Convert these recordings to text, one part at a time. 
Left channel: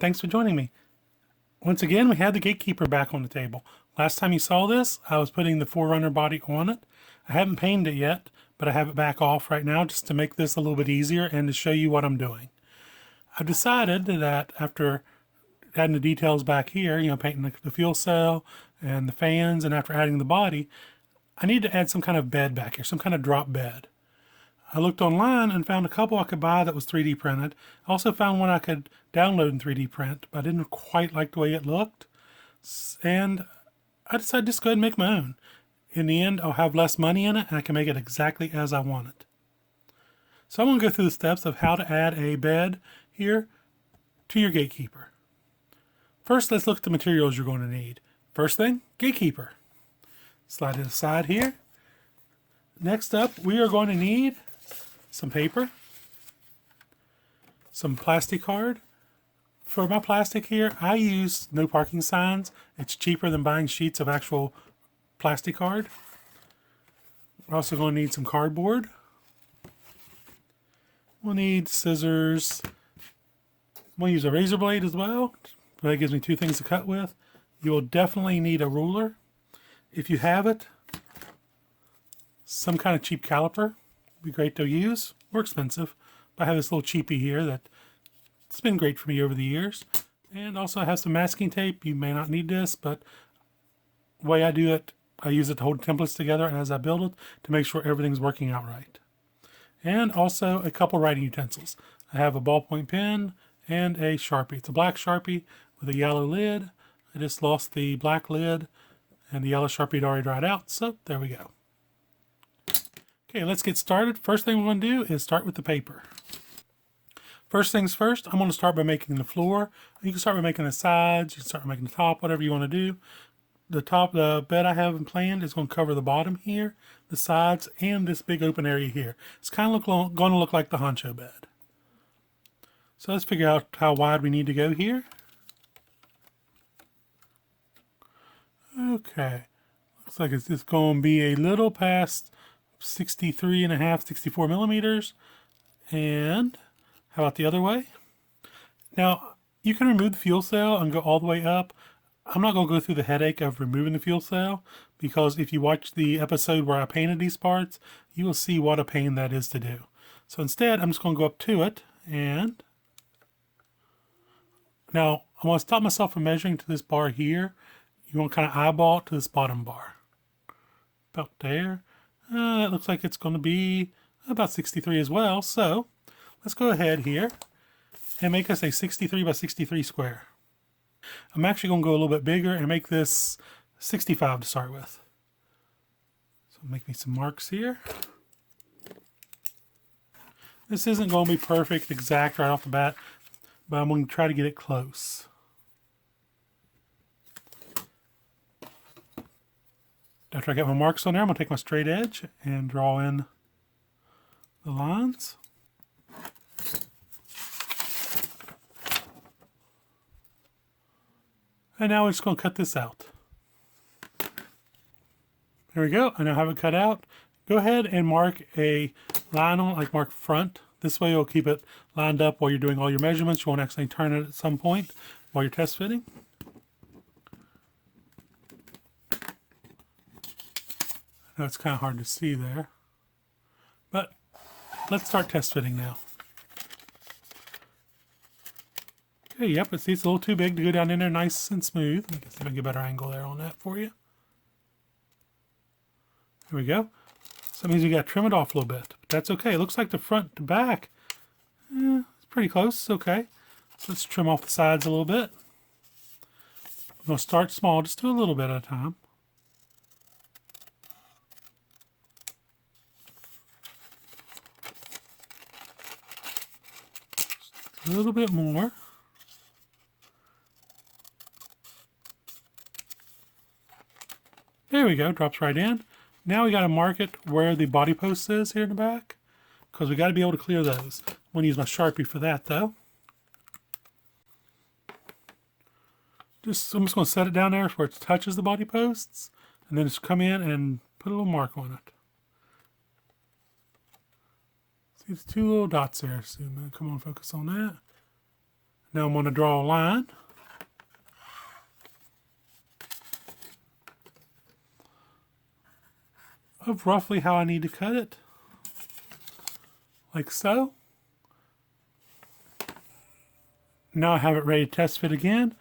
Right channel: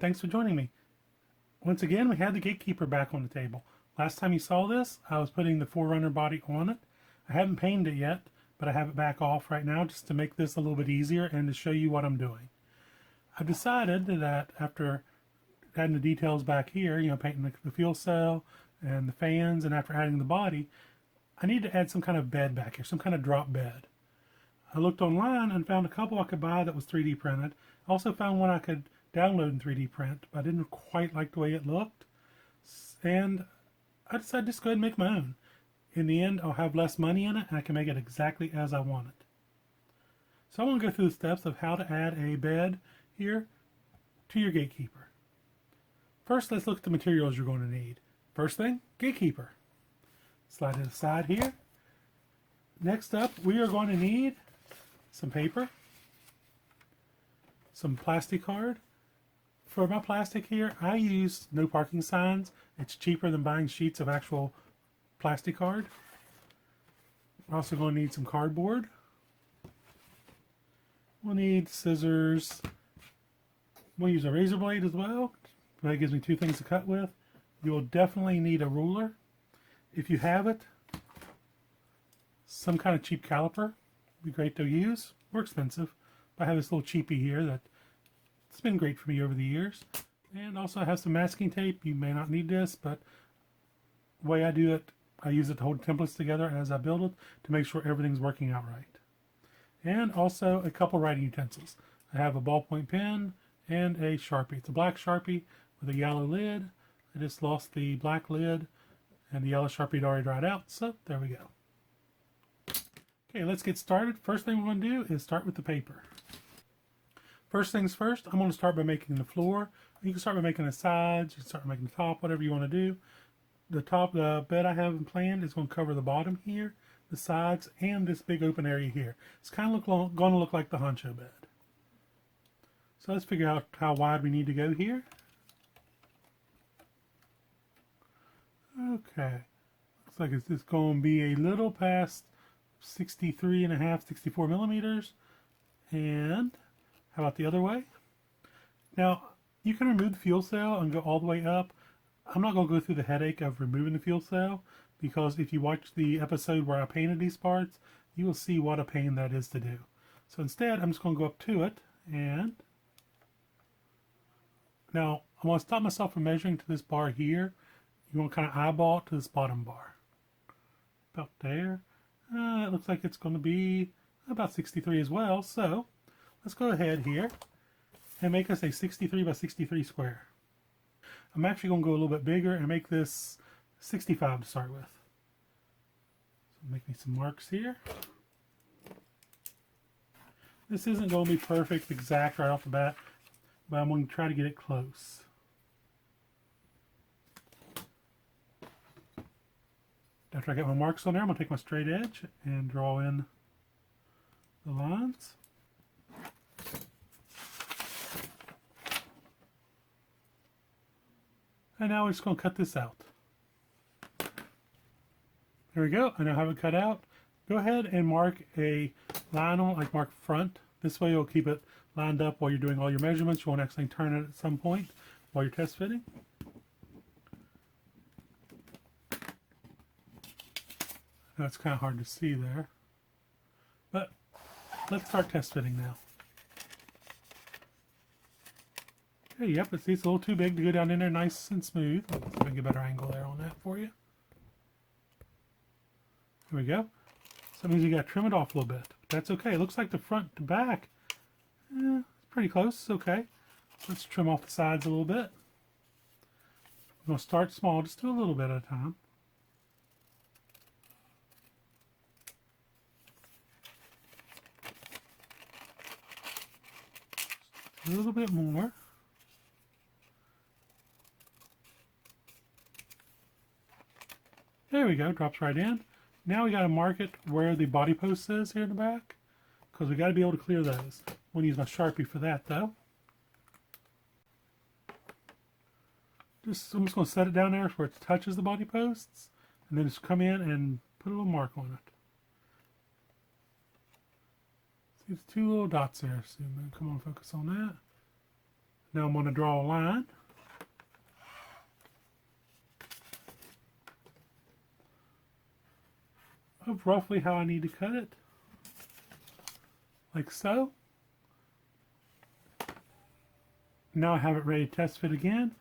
and thanks for joining me. Once again, we had the GateKeeper back on the table. Last time you saw this, I was putting the Forerunner body on it. I haven't painted it yet, but I have it back off right now just to make this a little bit easier and to show you what I'm doing. I've decided that after adding the details back here, painting the fuel cell and the fans, and after adding the body, I need to add some kind of bed back here, some kind of drop bed. I looked online and found a couple I could buy that was 3D printed. I also found one I could download in 3D print, but I didn't quite like the way it looked. And I decided just go ahead and make my own. In the end, I'll have less money in it and I can make it exactly as I want it. So I'm going to go through the steps of how to add a bed here to your GateKeeper. First, let's look at the materials you're going to need. First thing, GateKeeper. Slide it aside here. Next up, we are going to need some paper, some plastic card. For my plastic here, I use no parking signs. It's cheaper than buying sheets of actual plastic card. We're also going to need some cardboard. We'll need scissors. I'm going to use a razor blade as well. That gives me two things to cut with. You will definitely need a ruler. If you have it, some kind of cheap caliper would be great to use. More expensive, but I have this little cheapie here that's been great for me over the years. And also I have some masking tape. You may not need this, but the way I do it, I use it to hold templates together as I build it to make sure everything's working out right. And also a couple writing utensils. I have a ballpoint pen and a Sharpie. It's a black Sharpie with a yellow lid. I just lost the black lid and the yellow Sharpie had already dried out, so there we go. Okay, let's get started. First thing we're going to do is start with the paper. First things first, I'm going to start by making the floor. You can start by making the sides, you can start by making the top, whatever you want to do. The bed I have planned is going to cover the bottom here, the sides, and this big open area here. It's kind of going to look like the honcho bed. So let's figure out how wide we need to go here. Okay, looks like it's just going to be a little past 63.5, 64 millimeters. And how about the other way? Now, you can remove the fuel cell and go all the way up. I'm not going to go through the headache of removing the fuel cell, because if you watch the episode where I painted these parts, you will see what a pain that is to do. So instead, I'm just going to go up to it, and now I want to stop myself from measuring to this bar here. You want to kind of eyeball it to this bottom bar. About there. That looks like it's going to be about 63 as well. So let's go ahead here and make us a 63 by 63 square. I'm actually going to go a little bit bigger and make this 65 to start with. So make me some marks here. This isn't going to be perfect, exact right off the bat, but I'm going to try to get it close. After I get my marks on there, I'm going to take my straight edge and draw in the lines. And now we're just going to cut this out. There we go. I now have it cut out. Go ahead and mark a line on it, like mark front. This way you'll keep it lined up while you're doing all your measurements. You won't accidentally turn it at some point while you're test fitting. Now it's kind of hard to see there, but let's start test fitting now. Okay, yep, it's a little too big to go down in there nice and smooth. Let's see if I can get a better angle there on that for you. There we go. So that means we got to trim it off a little bit, but that's okay. It looks like the front to back, it's pretty close. It's okay. So let's trim off the sides a little bit. I'm going to start small, just do a little bit at a time. A little bit more. There we go, drops right in. Now we got to mark it where the body post is here in the back, because we got to be able to clear those. I'm going to use my Sharpie for that though. I'm just going to set it down there where it touches the body posts, and then just come in and put a little mark on it. See, there's two little dots there. So come on, focus on that. Now I'm going to draw a line. Of roughly how I need to cut it. Like so. Now I have it ready to test fit again.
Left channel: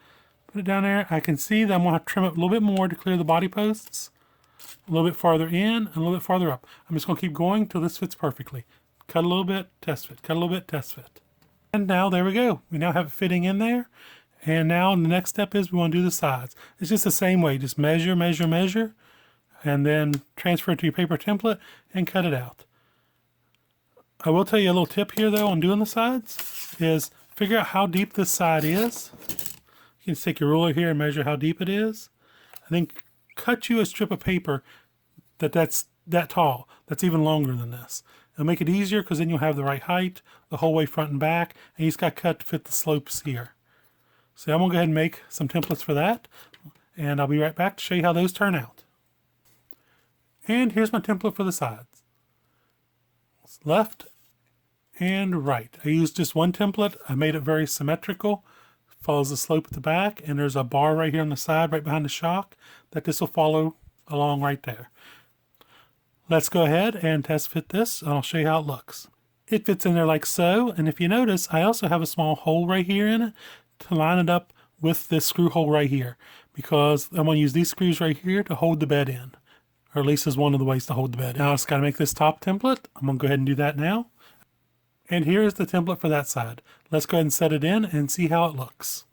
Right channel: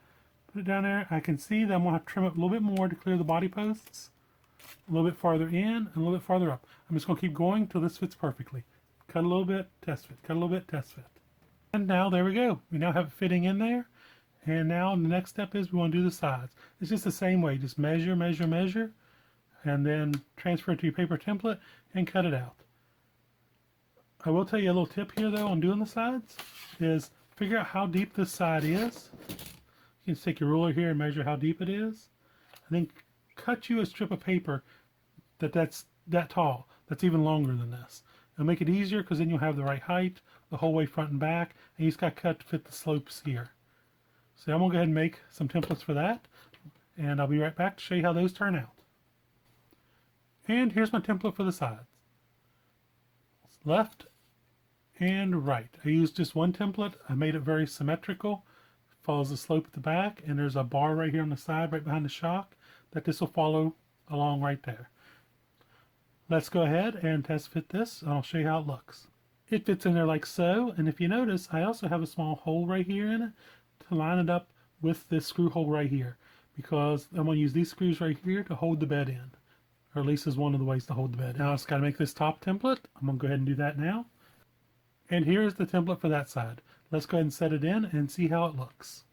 Put it down there. I can see that I'm going to have to trim it a little bit more to clear the body posts. A little bit farther in and a little bit farther up. I'm just going to keep going till this fits perfectly. Cut a little bit, test fit. Cut a little bit, test fit. And now there we go. We now have it fitting in there. And now the next step is we want to do the sides. It's just the same way. Just measure, measure, measure. And then transfer it to your paper template and cut it out. I will tell you a little tip here though on doing the sides is figure out how deep this side is. You can take your ruler here and measure how deep it is. And then cut you a strip of paper that's that tall, that's even longer than this. It'll make it easier because then you'll have the right height the whole way front and back, and you just got to cut to fit the slopes here. So I'm going to go ahead and make some templates for that, and I'll be right back to show you how those turn out. And here's my template for the sides. It's left and right. I used just one template. I made it very symmetrical. Follows the slope at the back, and there's a bar right here on the side right behind the shock that this will follow along right there. Let's go ahead and test fit this, and I'll show you how it looks. It fits in there like so, and if you notice, I also have a small hole right here in it to line it up with this screw hole right here, because I'm going to use these screws right here to hold the bed in, or at least is one of the ways to hold the bed in. Now I just got to make this top template. I'm going to go ahead and do that now. And here's the template for that side. Let's go ahead and set it in and see how it looks.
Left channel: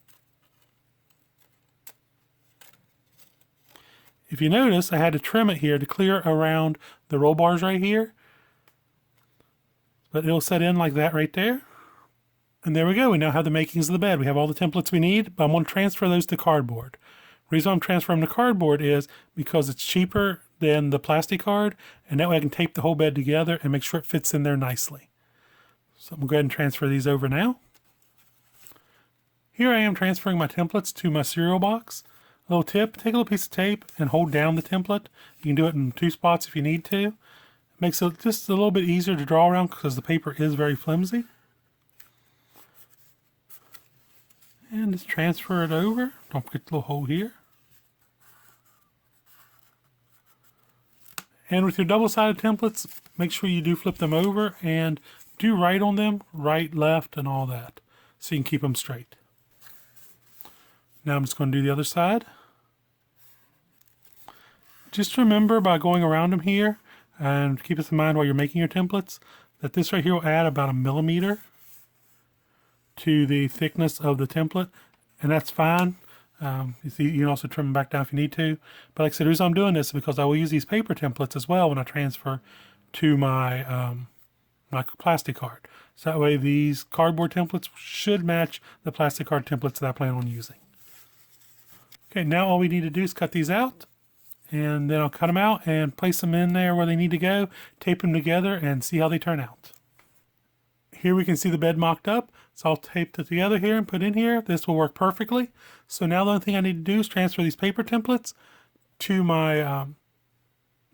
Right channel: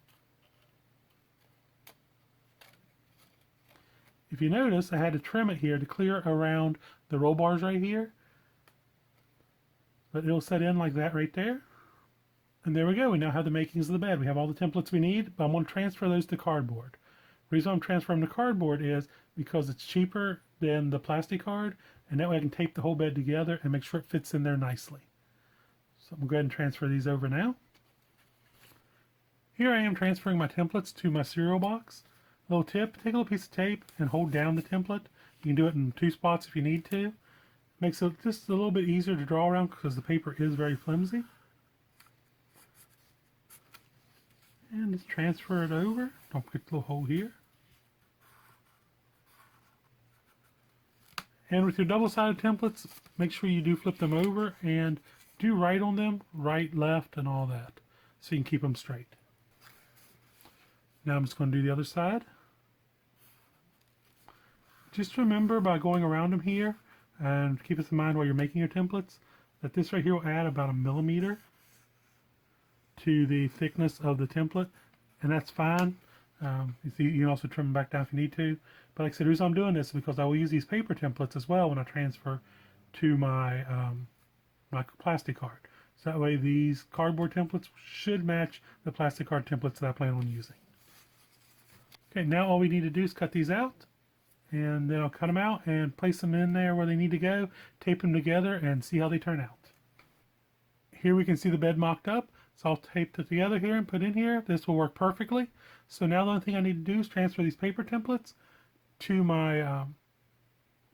If you notice, I had to trim it here to clear around the roll bars right here. But it'll set in like that right there. And there we go. We now have the makings of the bed. We have all the templates we need, but I'm going to transfer those to cardboard. The reason I'm transferring them to cardboard is because it's cheaper than the plastic card, and that way I can tape the whole bed together and make sure it fits in there nicely. So I'm going to go ahead and transfer these over now. Here I am transferring my templates to my cereal box. A little tip, take a little piece of tape and hold down the template. You can do it in 2 spots if you need to. It makes it just a little bit easier to draw around because the paper is very flimsy. And just transfer it over. Don't forget the little hole here. And with your double-sided templates, make sure you do flip them over and do right on them, right, left, and all that, so you can keep them straight. Now I'm just going to do the other side. Just remember by going around them here, and keep this in mind while you're making your templates, that this right here will add about 1 millimeter to the thickness of the template, and that's fine. You can also trim them back down if you need to. But like I said, the reason I'm doing this is because I will use these paper templates as well when I transfer to my my plastic card. So that way these cardboard templates should match the plastic card templates that I plan on using. Okay, now all we need to do is cut these out, and then I'll cut them out and place them in there where they need to go, tape them together, and see how they turn out. Here we can see the bed mocked up, so I'll tape it together here and put in here. This will work perfectly. So now the only thing I need to do is transfer these paper templates to my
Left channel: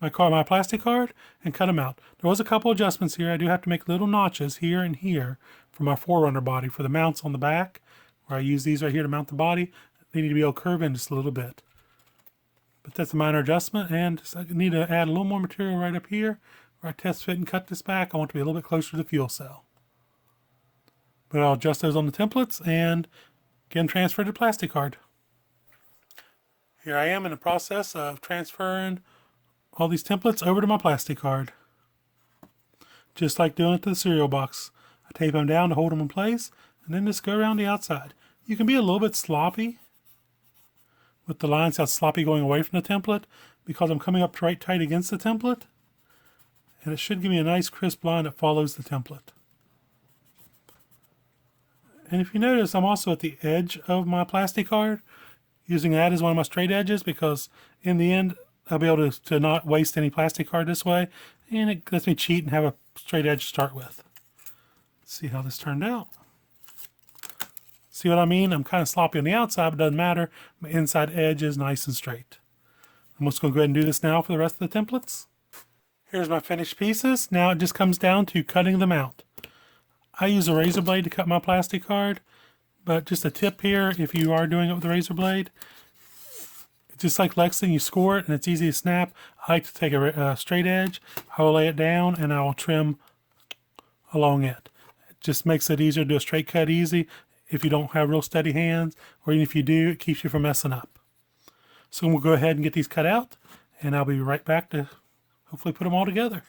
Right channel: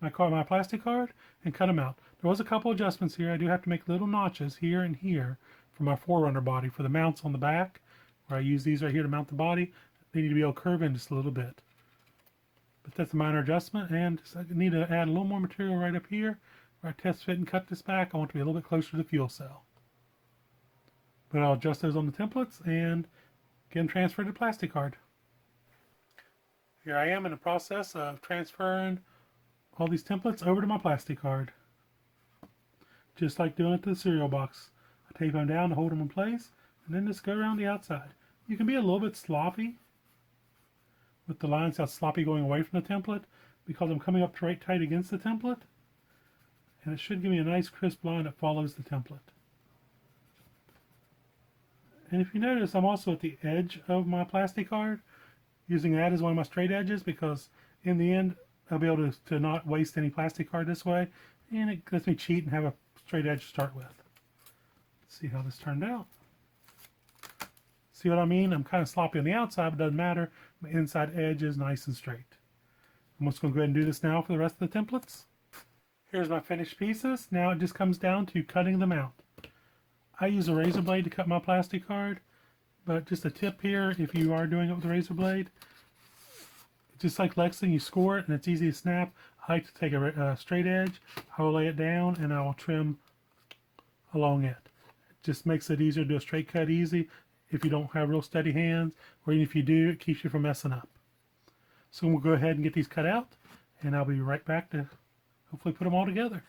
my plastic card and cut them out. There was a couple adjustments here. I do have to make little notches here and here for my Forerunner body for the mounts on the back, where I use these right here to mount the body. They need to be able to curve in just a little bit. But that's a minor adjustment, and I need to add a little more material right up here where I test fit and cut this back. I want to be a little bit closer to the fuel cell. But I'll adjust those on the templates and get them transferred to plastic card. Here I am in the process of transferring all these templates over to my plastic card. Just like doing it to the cereal box. I tape them down to hold them in place, and then just go around the outside. You can be a little bit sloppy with the lines how sloppy going away from the template because I'm coming up right tight against the template, and it should give me a nice crisp line that follows the template. And if you notice, I'm also at the edge of my plastic card, using that as one of my straight edges because in the end I'll be able to not waste any plastic card this way, and it lets me cheat and have a straight edge to start with. Let's see how this turned out. See what I mean? I'm kind of sloppy on the outside, but it doesn't matter. My inside edge is nice and straight. I'm just going to go ahead and do this now for the rest of the templates. Here's my finished pieces. Now it just comes down to cutting them out. I use a razor blade to cut my plastic card, But just a tip here, if you are doing it with a razor blade, just like Lexington, you score it and it's easy to snap. I like to take a straight edge, I will lay it down and I will trim along it. It just makes it easier to do a straight cut easy if you don't have real steady hands, or even if you do, it keeps you from messing up. So we'll go ahead and get these cut out, and I'll be right back to hopefully put them all together.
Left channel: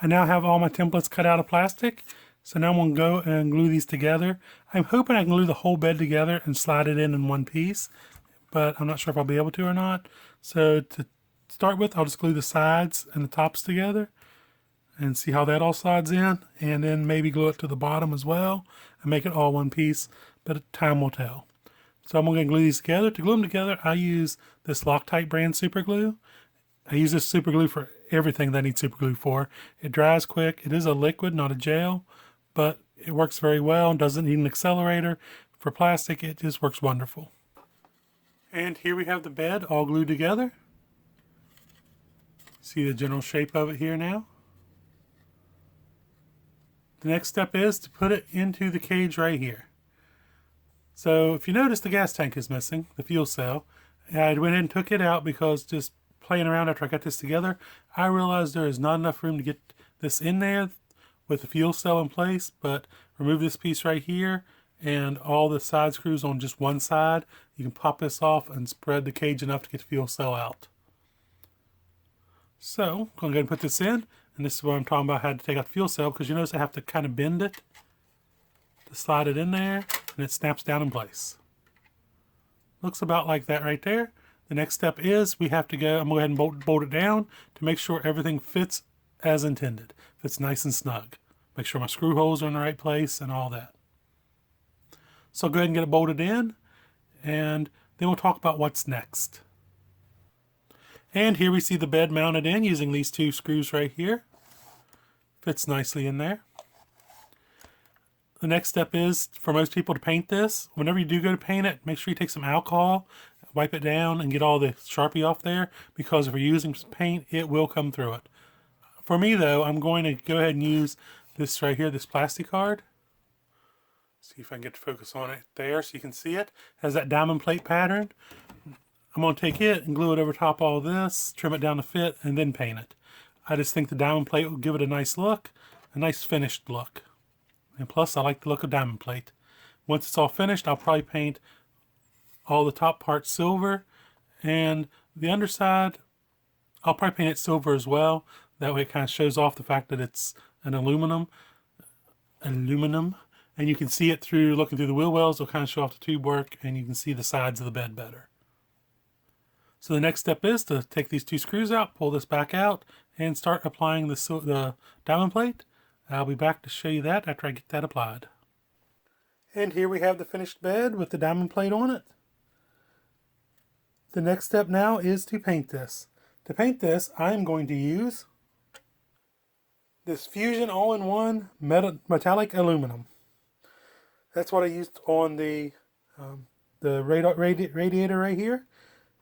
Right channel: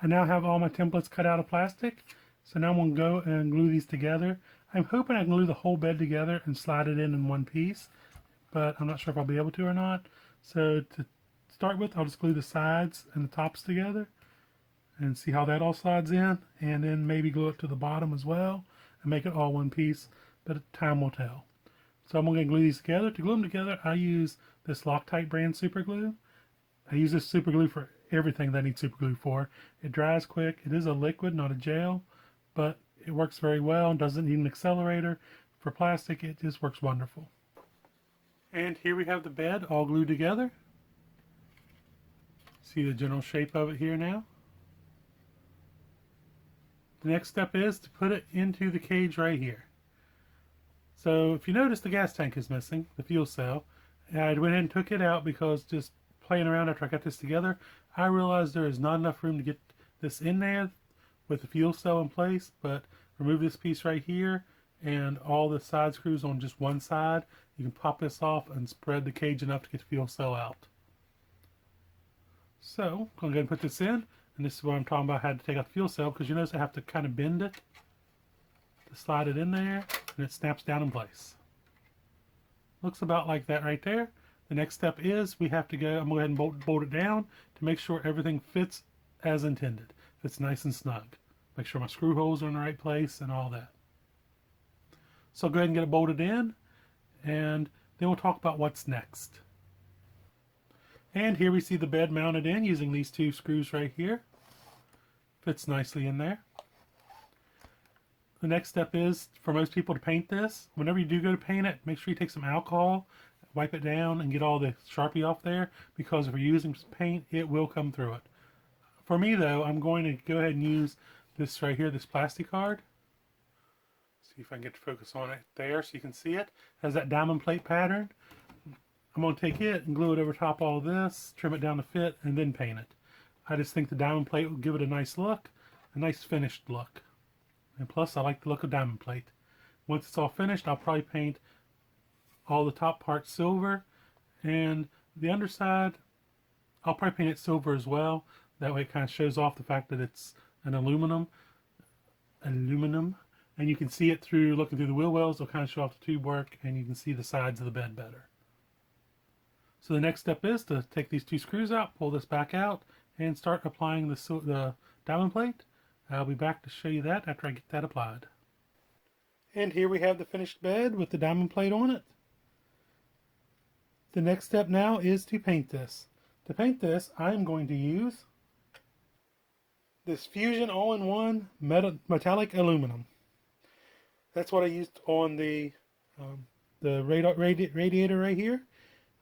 I now have all my templates cut out of plastic, so now I'm going to go and glue these together. I'm hoping I can glue the whole bed together and slide it in one piece, but I'm not sure if I'll be able to or not. So to start with, I'll just glue the sides and the tops together and see how that all slides in, and then maybe glue it to the bottom as well and make it all one piece, but time will tell. So I'm going to glue these together. To glue them together, I use this Loctite brand super glue. I use this super glue for everything that I need super glue for. It dries quick. It is a liquid, not a gel, but it works very well. Doesn't need an accelerator. For plastic, it just works wonderful. And here we have the bed all glued together. See the general shape of it here now. The next step is to put it into the cage right here. So if you notice, the gas tank is missing, the fuel cell. I went in and took it out because just playing around after I got this together, I realized there is not enough room to get this in there with the fuel cell in place, but remove this piece right here and all the side screws on just one side. You can pop this off and spread the cage enough to get the fuel cell out. So I'm going to go ahead and put this in. And this is where I'm talking about how to take out the fuel cell, because you notice I have to kind of bend it to slide it in there, and it snaps down in place. Looks about like that right there. The next step is I'm going to go ahead and bolt it down to make sure everything fits as intended. Fits nice and snug. Make sure my screw holes are in the right place and all that. So I'll go ahead and get it bolted in, and then we'll talk about what's next. And here we see the bed mounted in using these two screws right here. Fits nicely in there. The next step is for most people to paint this. Whenever you do go to paint it, make sure you take some alcohol, wipe it down, and get all the Sharpie off there, because if you're using paint, it will come through it. For me though, I'm going to go ahead and use this right here, this plastic card. See if I can get to focus on it there so you can see it. It has that diamond plate pattern. I'm going to take it and glue it over top all this, trim it down to fit, and then paint it. I just think the diamond plate will give it a nice look, a nice finished look. And plus, I like the look of diamond plate. Once it's all finished, I'll probably paint all the top parts silver, and the underside, I'll probably paint it silver as well. That way it kind of shows off the fact that it's an aluminum, and you can see it through, looking through the wheel wells, it'll kind of show off the tube work, and you can see the sides of the bed better. So the next step is to take these two screws out, pull this back out, and start applying the diamond plate. I'll be back to show you that after I get that applied. And here we have the finished bed with the diamond plate on it. The next step now is to paint this. To paint this, I am going to use this Fusion all-in-one metallic aluminum. That's what I used on the radiator right here.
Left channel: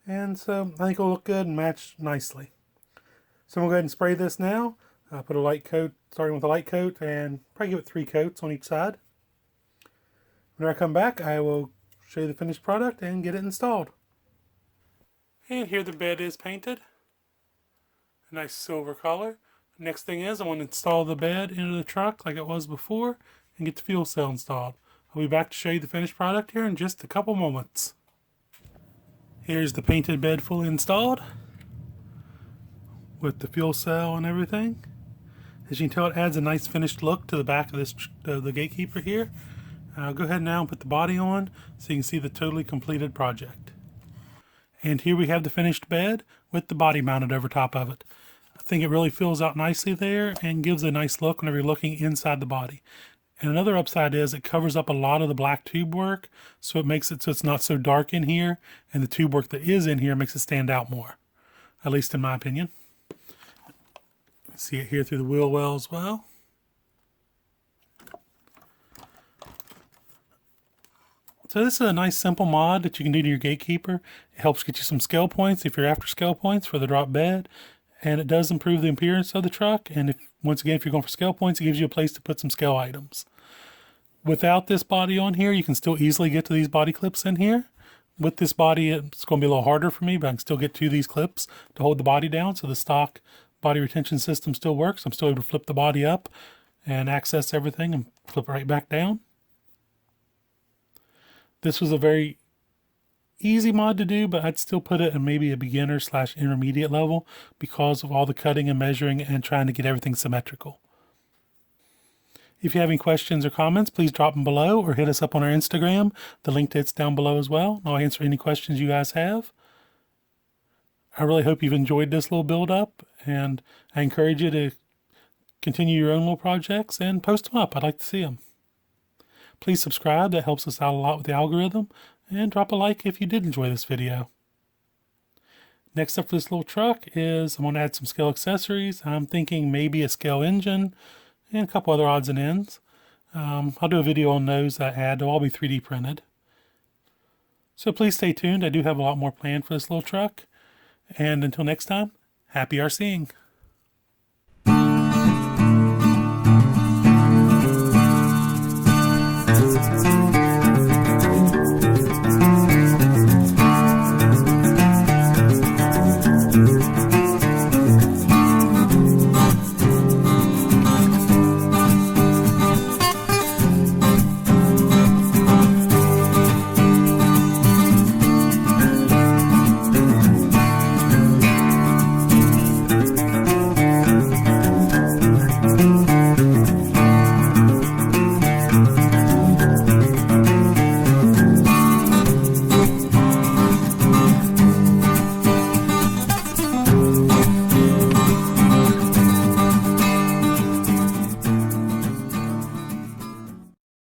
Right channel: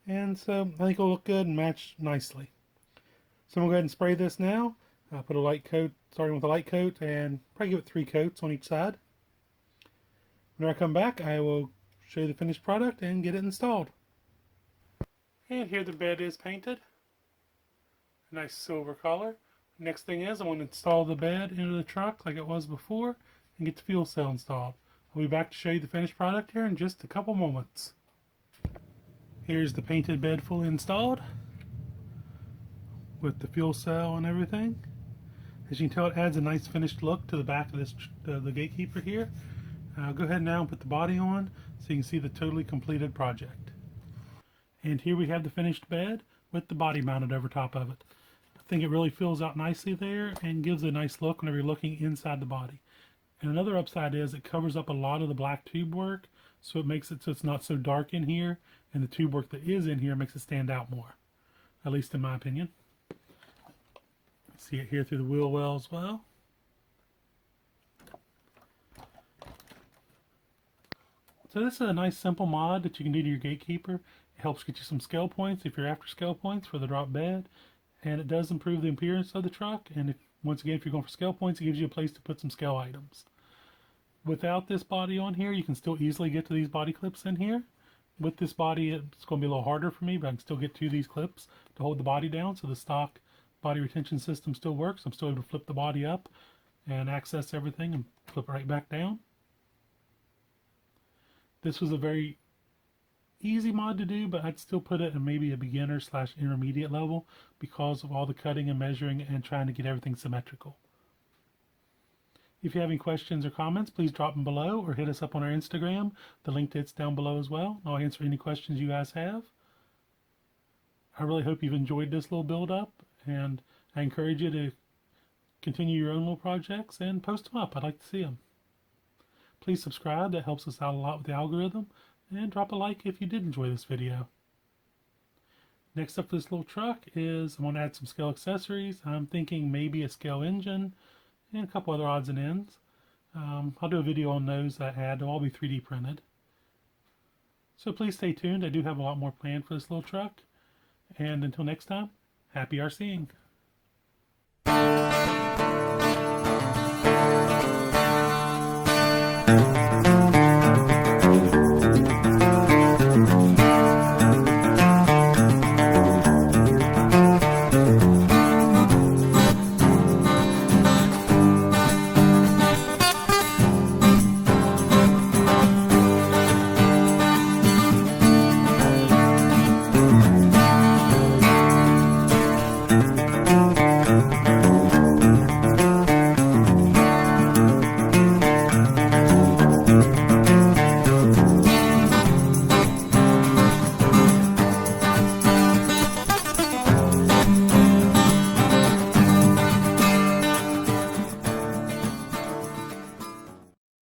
And so I think it'll look good and match nicely. So I'm going to go ahead and spray this now. Put a light coat, starting with a light coat, and probably give it 3 coats on each side. When I come back, I will show you the finished product and get it installed. And here the bed is painted. A nice silver color. Next thing is I want to install the bed into the truck like it was before and get the fuel cell installed. I'll be back to show you the finished product here in just a couple moments. Here's the painted bed fully installed with the fuel cell and everything. As you can tell, it adds a nice finished look to the back of this the GateKeeper here. I'll go ahead now and put the body on so you can see the totally completed project. And here we have the finished bed with the body mounted over top of it. I think it really fills out nicely there and gives a nice look whenever you're looking inside the body. And another upside is it covers up a lot of the black tube work, so it makes it so it's not so dark in here, and the tube work that is in here makes it stand out more, at least in my opinion. See it here through the wheel well as well. So this is a nice simple mod that you can do to your GateKeeper. It helps get you some scale points if you're after scale points for the drop bed, and it does improve the appearance of the truck. And once again, if you're going for scale points, it gives you a place to put some scale items. Without this body on here, you can still easily get to these body clips in here. With this body, it's going to be a little harder for me, but I can still get to these clips to hold the body down. So the stock body retention system still works. I'm still able to flip the body up and access everything and flip it right back down. This was a very easy mod to do, but I'd still put it in maybe a beginner / intermediate level because of all the cutting and measuring and trying to get everything symmetrical. If you have any questions or comments, please drop them below or hit us up on our Instagram. The link to it's down below as well. I'll answer any questions you guys have. I really hope you've enjoyed this little build up, and I encourage you to continue your own little projects and post them up. I'd like to see them. Please subscribe, that helps us out a lot with the algorithm, and drop a like if you did enjoy this video. Next up for this little truck is I'm going to add some scale accessories. I'm thinking maybe a scale engine and a couple other odds and ends. I'll do a video on those that I add. They'll all be 3D printed. So please stay tuned. I do have a lot more planned for this little truck. And until next time, happy RCing.